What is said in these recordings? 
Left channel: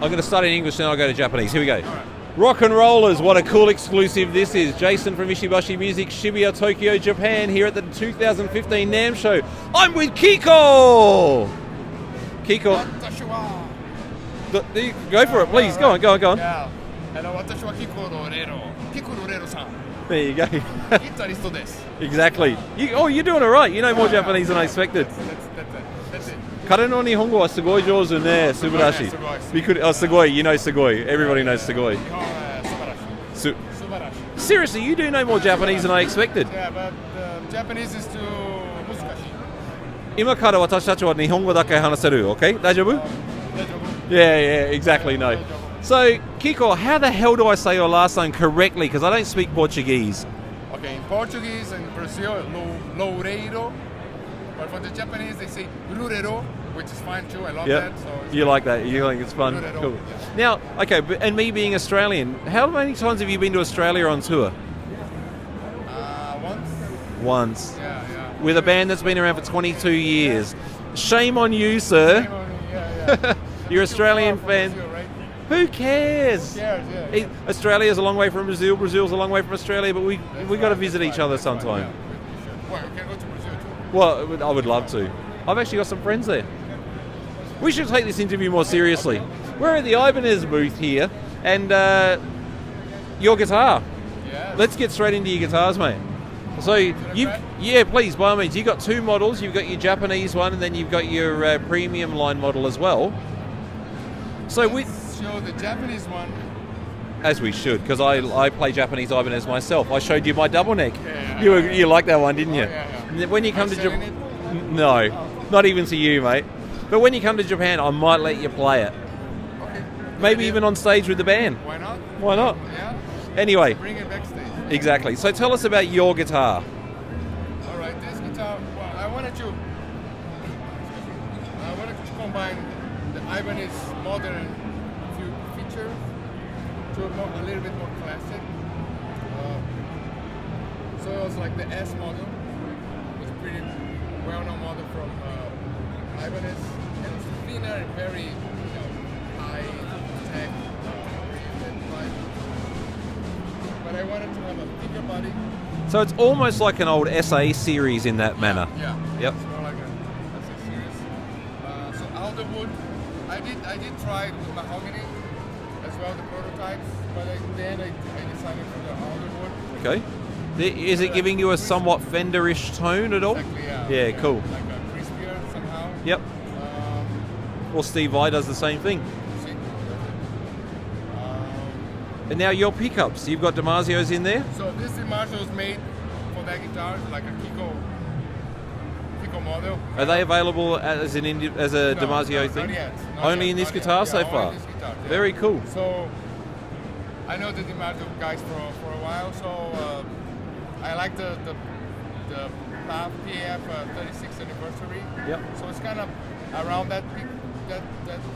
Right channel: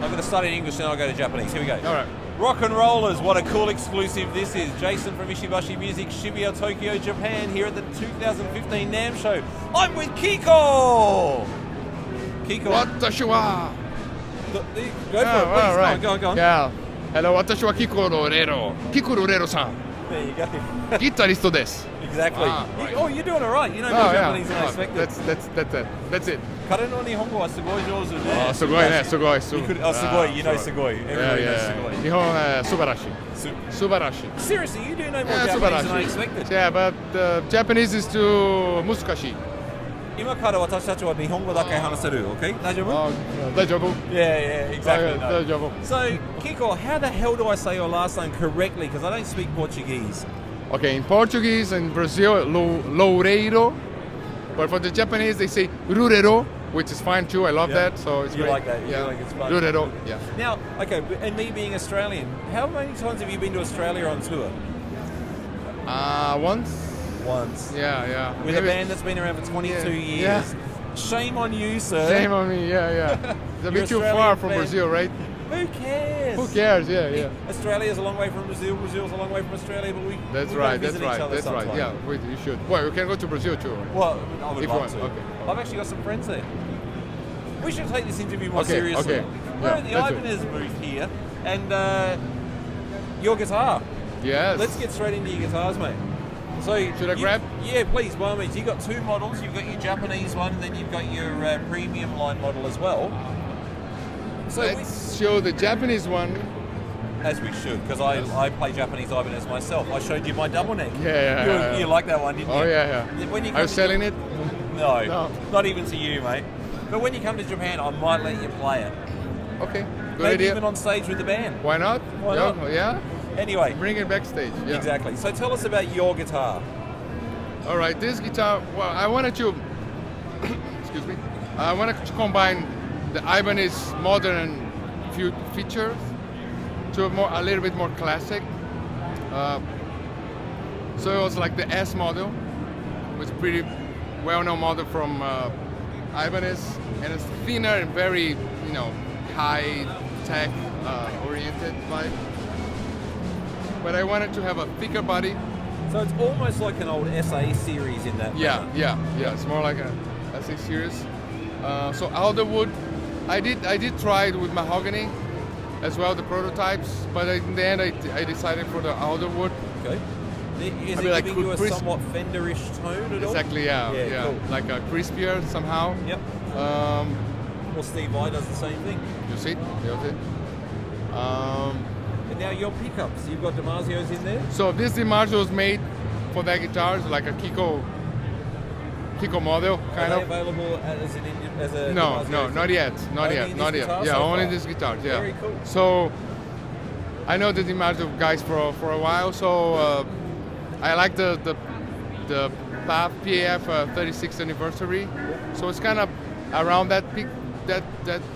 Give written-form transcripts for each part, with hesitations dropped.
I'm going to start in English, then I'll go to Japanese. Here we go. All right. Rock and Rollers, what a cool exclusive this is. Jason from Ishibashi Music, Shibuya, Tokyo, Japan, here at the 2015 NAMM show. I'm with Kiko! Kiko. Watashi wa. Go for it, please. Right. Go on. Yeah. Hello, watashi wa Kiko Loureiro. Kiko Loureiro-san. There you go. ギタリストです。 Exactly. You're doing it right. You know more Japanese than I expected. That's it. 彼の日本語はすごい上手ね。すごいね。すごい。すごい. You know すごい. Everybody knows すごい. 日本は素晴らしい。素晴らしい。 Seriously, you do know more Japanese than I expected. Yeah, but Japanese is too 難しい。今から私たちは日本語だけ話せる, okay? 大丈夫? 大丈夫? Yeah, exactly, no. 大丈夫. So, Kiko, how the hell do I say your last name correctly? Because I don't speak Portuguese. Okay, in Portuguese and Brazil, Loureiro. But for the Japanese, they say Loureiro, which is fine too. I love that. So it's you great. Like that? You think it's fun? Loureiro, cool. yeah. Now, okay, and me being Australian, how many times have you been to Australia on tour? Once. Yeah. With a band that's been around for 22 years. Yeah. Shame on you, sir. Shame on me, yeah. You're Australian from fan. Brazil, right? Who cares? Yeah. Australia's a long way from Brazil. Brazil's a long way from Australia, but we've got to visit each other sometime. Right. Yeah, you should. Well, we can go to Brazil too. Well, I would love to. Okay. I've actually got some friends there. We should take this interview more seriously. Okay. We're at the Ibanez booth here, and your guitar. Yes. Let's get straight into your guitars, mate. So, should I grab? Yeah, please, by all means. You've got two models. You've got your Japanese one, and then you've got your premium line model as well. So Let's show the Japanese one. As we should, because I play Japanese Ibanez myself. I showed you my double neck. Yeah. You liked that one, didn't you? Oh, yeah. When you come Are you selling it? No, not even to you, mate. But when you come to Japan, I might let you play it. Okay. Maybe even on stage with the band. Why not? Why not? Yeah. Anyway. Bring it backstage. Yeah. Exactly. So tell us about your guitar. All right, this guitar. Well, I wanted to. Excuse me. I wanted to combine the Ibanez modern features to a little bit more classic. So it was like the S model, which is pretty well-known model from Ibanez, and it's thinner and very, high-tech oriented line. But I wanted to have a thicker body. So it's almost like an old SA series in that manner. Yeah. It's more like a SA series. So alderwood. I did try it with mahogany as well, the prototypes, but in the end I decided for the alderwood. Okay. Is it giving you a somewhat Fender-ish tone at all? Exactly, yeah. Yeah, cool. Like a crispier somehow. Yep. Well, Steve Vai does the same thing. You see? And now your pickups, you've got DiMarzio's in there? So this DiMarzio was made for that guitar, it's like a Kiko model. Are they available as a DiMarzio? No, not yet. Only in this guitar so far? Only in this guitar, yeah. Very cool. So I know the DiMarzio guys for a while, so I like the PAF 36th anniversary. Yep. So it's kind of around that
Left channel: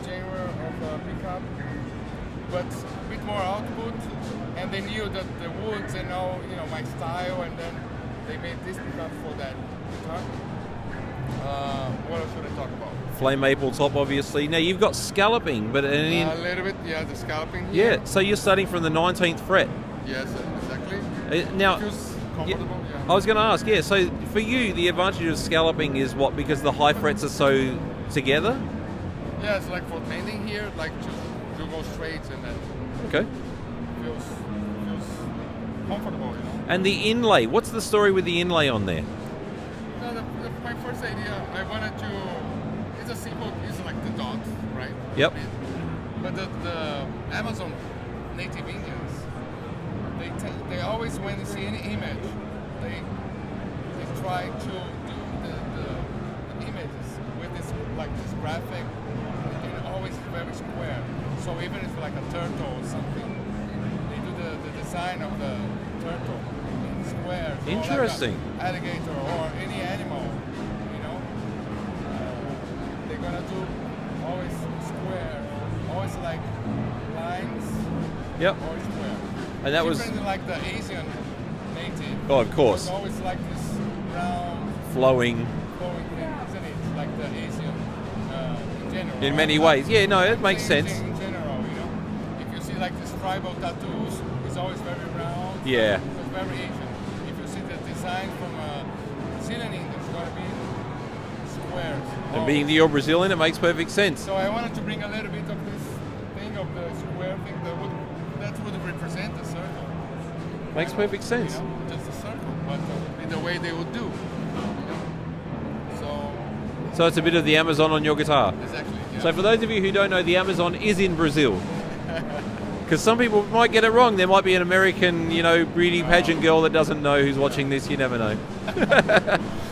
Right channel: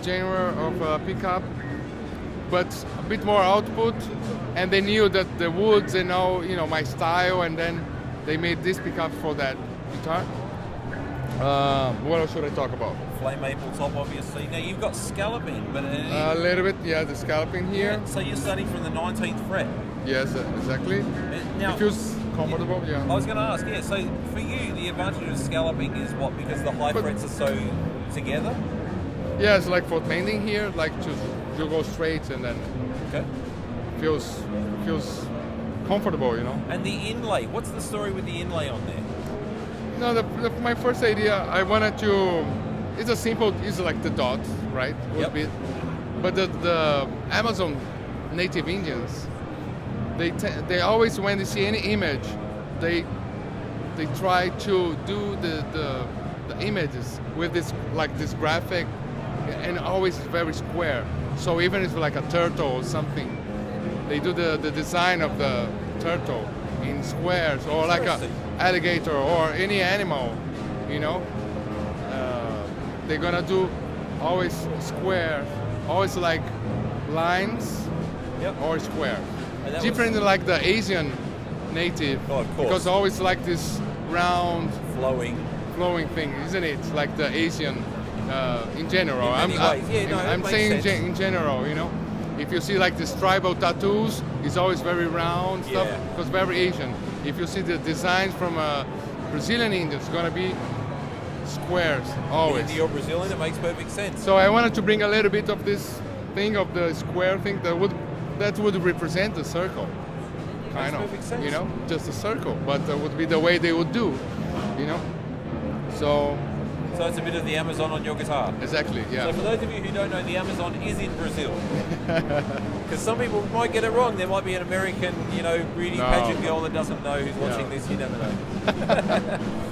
genre of pickup, but a bit more output. And they knew that the woods, they know my style, and then they made this pickup for that guitar. What else should I talk about? Flame maple top, obviously. Now you've got scalloping, but a little bit, the scalloping here. Yeah. So you're starting from the 19th fret. Yes, exactly. Now. It feels comfortable. Yeah. I was going to ask. Yeah. So for you, the advantage of scalloping is what? Because the high frets are so together. Yeah, it's like for bending here, like you go straight and then. Okay. Feels comfortable, And the inlay. What's the story with the inlay on there? No, my first idea, I wanted to. It's like the dot, right? Yep. Bit. But the Amazon native Indians, they always, when they see any image, they try to do the images with this graphic, and always very square. So even if it's like a turtle or something, they do the design of the turtle in squares, or like an alligator or any animal, they're gonna do always square, always like lines, or square. And that different than like the Asian native. Oh, of course. Because always like this round, flowing thing, isn't it? Like the Asian in general. In many ways. Yeah, no, it I'm makes saying sense. In general, you know, if you see like these tribal tattoos, it's always very round. Yeah. Because very Asian. If you see the designs from Brazilian Indians, it's gonna be squares. Always. Being you're Brazilian, it makes perfect sense. So I wanted to bring a little bit of this thing of the square thing that would represent the circle. Makes perfect sense. You know, just a circle, but that would be the way they would do. You know, so it's a bit of the Amazon on your guitar. exactly. Yeah. So for those of you who don't know, the Amazon is in Brazil. Because some people might get it wrong. There might be an American, beauty pageant girl that doesn't know who's watching this. You never know.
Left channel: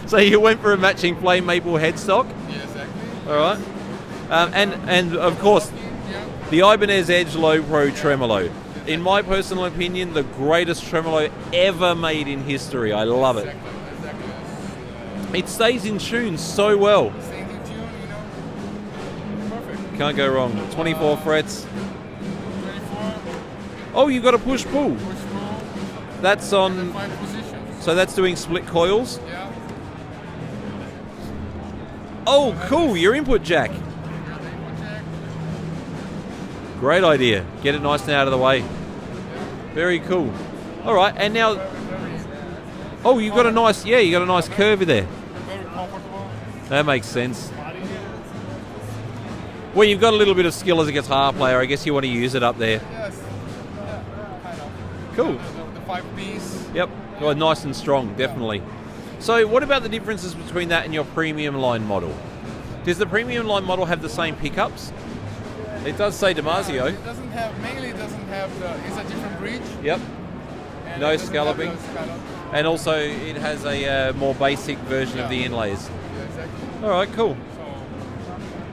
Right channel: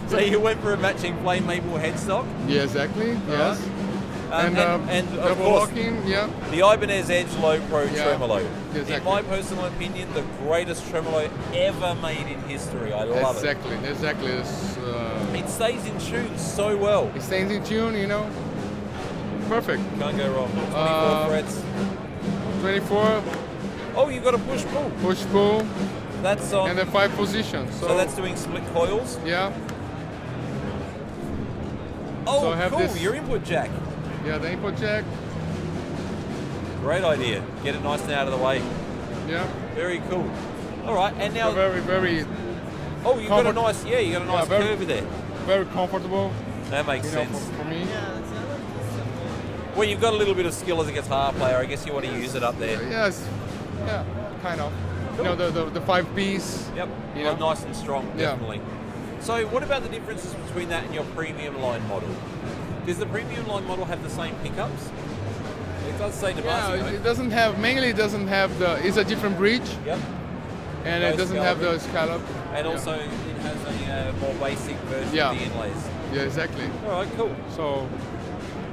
So you went for a matching flame maple headstock. Yeah, exactly. All right. And of double course, locking, yeah. the Ibanez Edge Low Pro Tremolo. Exactly. In my personal opinion, the greatest tremolo ever made in history. I love it. Exactly. It stays in tune so well. It stays in tune, you know. Perfect. Can't go wrong. 24 frets. 24. Oh, you've got a push-pull. Push-pull. That's on... And then 5 positions. So that's doing split coils? Yeah. Oh, so cool. Your input jack. Yeah, the input jack. Great idea. Get it nice and out of the way. Yeah. Very cool. All right, and now... Very, very... Oh, you've got a nice... Yeah, you got a nice curve there. Very comfortable. That makes sense. Well, you've got a little bit of skill as a guitar player. I guess you want to use it up there. Yes. Yeah, kind of. Cool. You know, the 5-piece. Yep. Yeah. Well, nice and strong, definitely. Yeah. So what about the differences between that and your premium line model? Does the premium line model have the same pickups? It does say Damasio. Yeah, it doesn't have, mainly it doesn't have the, it's a different bridge. Yep. And no it doesn't scalloping. have those scallops. And also it has a more basic version of the inlays. Yeah, exactly. All right, cool. So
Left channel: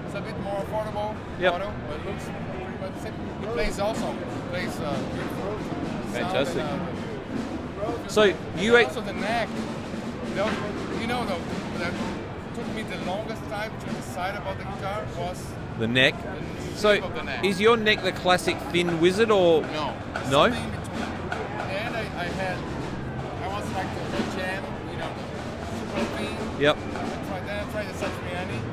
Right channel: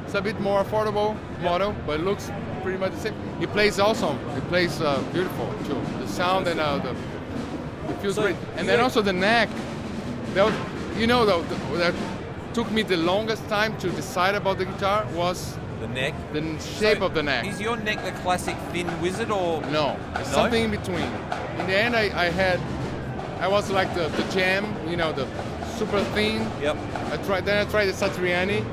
it's a bit more affordable model, but it looks pretty much the same. It plays awesome. It plays beautiful too. The sound and the feels great. And then also the neck. That took me the longest time to decide about the guitar was the neck. The shape of the neck. Is your neck the classic thin wizard or no? Something in between. In the end, I was like the jam, the super thin. Yep. Then I tried the Satriani.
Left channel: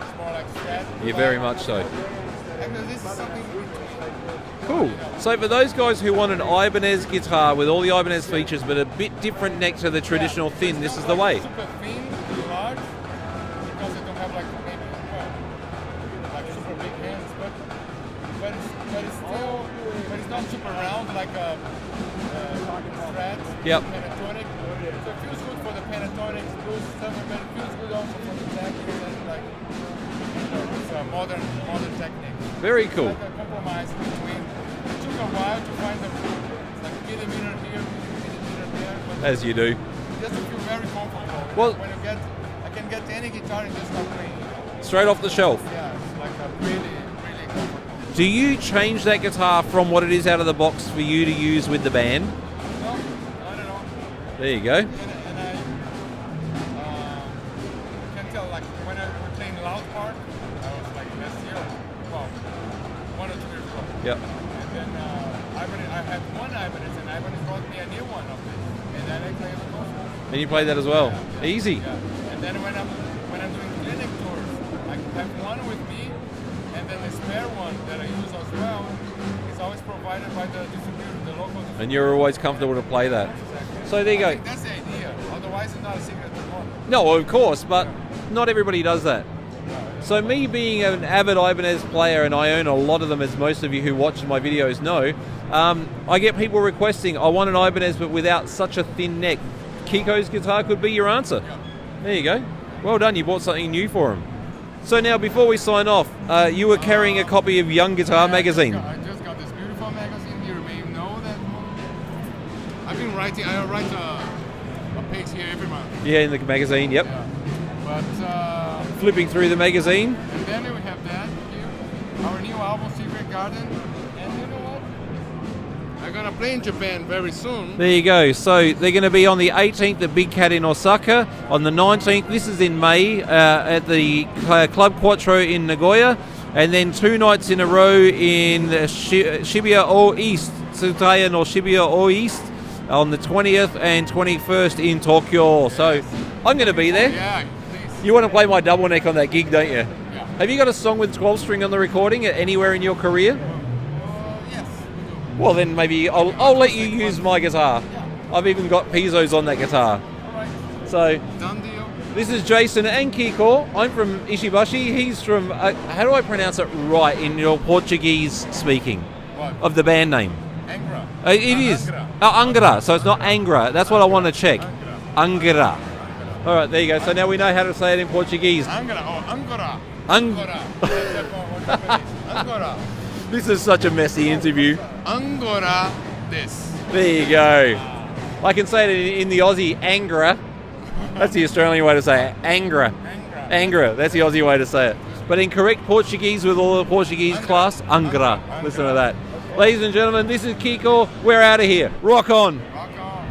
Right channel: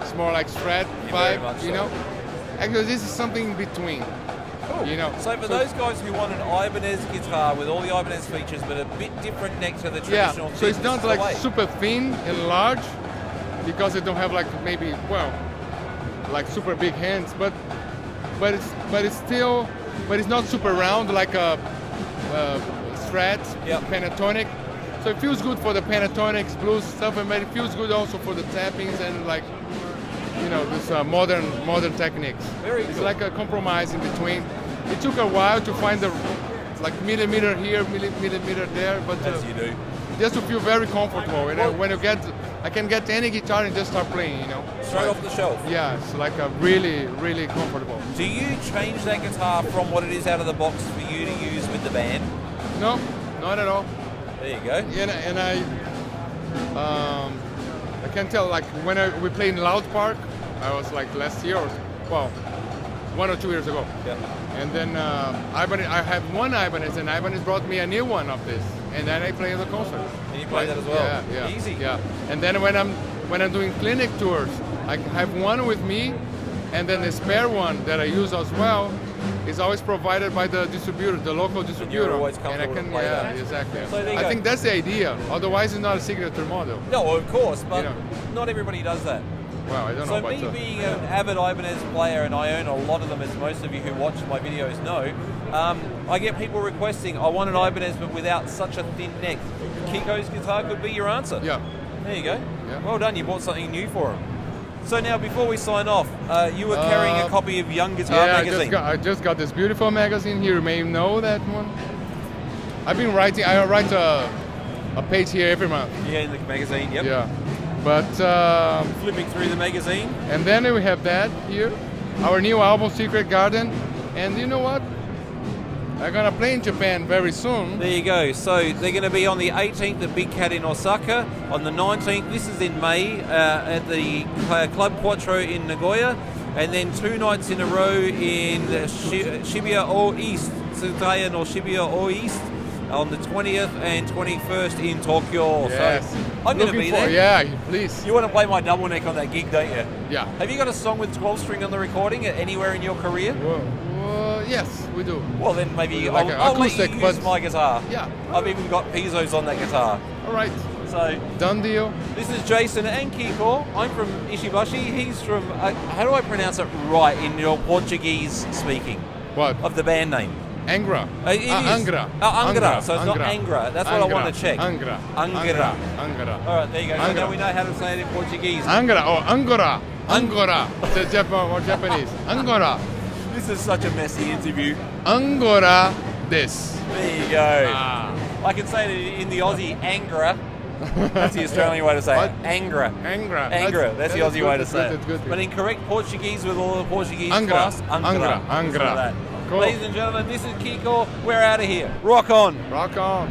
It's more like Strat. Yeah, very much so. Actually, this is something in between. Cool. So for those guys who want an Ibanez guitar with all the Ibanez features, but a bit different neck to the traditional thin, so this is the way. It's not super thin and large, because they don't have like maybe like super big hands, but it's not super round like a Strat, Pentatonic. So it feels good for the Pentatonics, blues stuff, but it feels good also for the tappings and like this modern techniques. Very cool. It's like a compromise in between. It took a while to find the millimeter here, millimeter there, but as you do, just to feel very comfortable. When I can get any guitar and just start playing. Straight off the shelf. Yeah, it's like a really, really comfortable. Do you change that guitar from what it is out of the box for you to use with the band? No, not at all. There you go. And I can tell, like when we played in Loud Park, I was like last year, 1 or 2 years ago. Yep. And then Ibanez, I had one Ibanez, and Ibanez brought me a new one of this, and then I played at the concert. And you played that as well. Yeah. Easy. Yeah. And then when I'm doing clinic tours, I have one with me, and then the spare one that I use as well is always provided by the distributor, the local distributor. And you're always comfortable to play that. Exactly. So there you go. I think that's the idea. Otherwise, it's not a signature model. No, of course, but not everybody does that. Wow, so me being an avid Ibanez player, and I own a lot of them, as most of you who watch my videos know, I get people requesting, I want an Ibanez but without such a thin neck. Kiko's guitar could be your answer. Yeah. There you go. Yeah. Well done, you bought something new for him. So now, before we sign off, you were carrying a copy of Young Guitar magazine. I just got this beautiful magazine here. You may know that one. I've been writing. I write a page here every month. Yeah, in the magazine. Yep. Yeah. But flipping through the magazine. And then we have that here, our new album, Secret Garden. And you know what? I'm gonna play in Japan very soon. There you go. So they're going to be on the 18th at Big Cat in Osaka, on the 19th, this is in May, at the Club Quattro in Nagoya, and then 2 nights in a row in Shibuya O East, Tsutaya no Shibuya O East, on the 20th and 21st in Tokyo. Yes. So I'm going to be there. Yeah, please. You want to play my double neck on that gig, don't you? Yeah. Have you got a song with 12 string on the recording anywhere in your career? Yes, we do. Well, then maybe Like I'll let you acoustic, use but- my guitar. Yeah. I've even got pizzos on that guitar. All right. So Done deal. this is Jason and Kiko. I'm from Ishibashi. He's from, how do I pronounce it right in your Portuguese speaking What? of the band name? Angra. It is. Angra. Angra. So it's not Angra. That's what I want to check. Angra. Angra. Angra. All right, there you go. So Angra. now we know how to say it in Portuguese. Angra or Angora. Angora. That's Japanese. Angora. This is such a messy interview. Angora des. There you go. Ah. I can say it in the Aussie, Angra. That's the Australian way to say it. Angra. Angra. Angra. That's the Aussie way to say it. good. But in correct Portuguese with all the Portuguese Angra. class, Angra. Angra. Listen Angra. to that. Cool. Ladies and gentlemen, this is Kiko. We're out of here. Rock on. Rock on.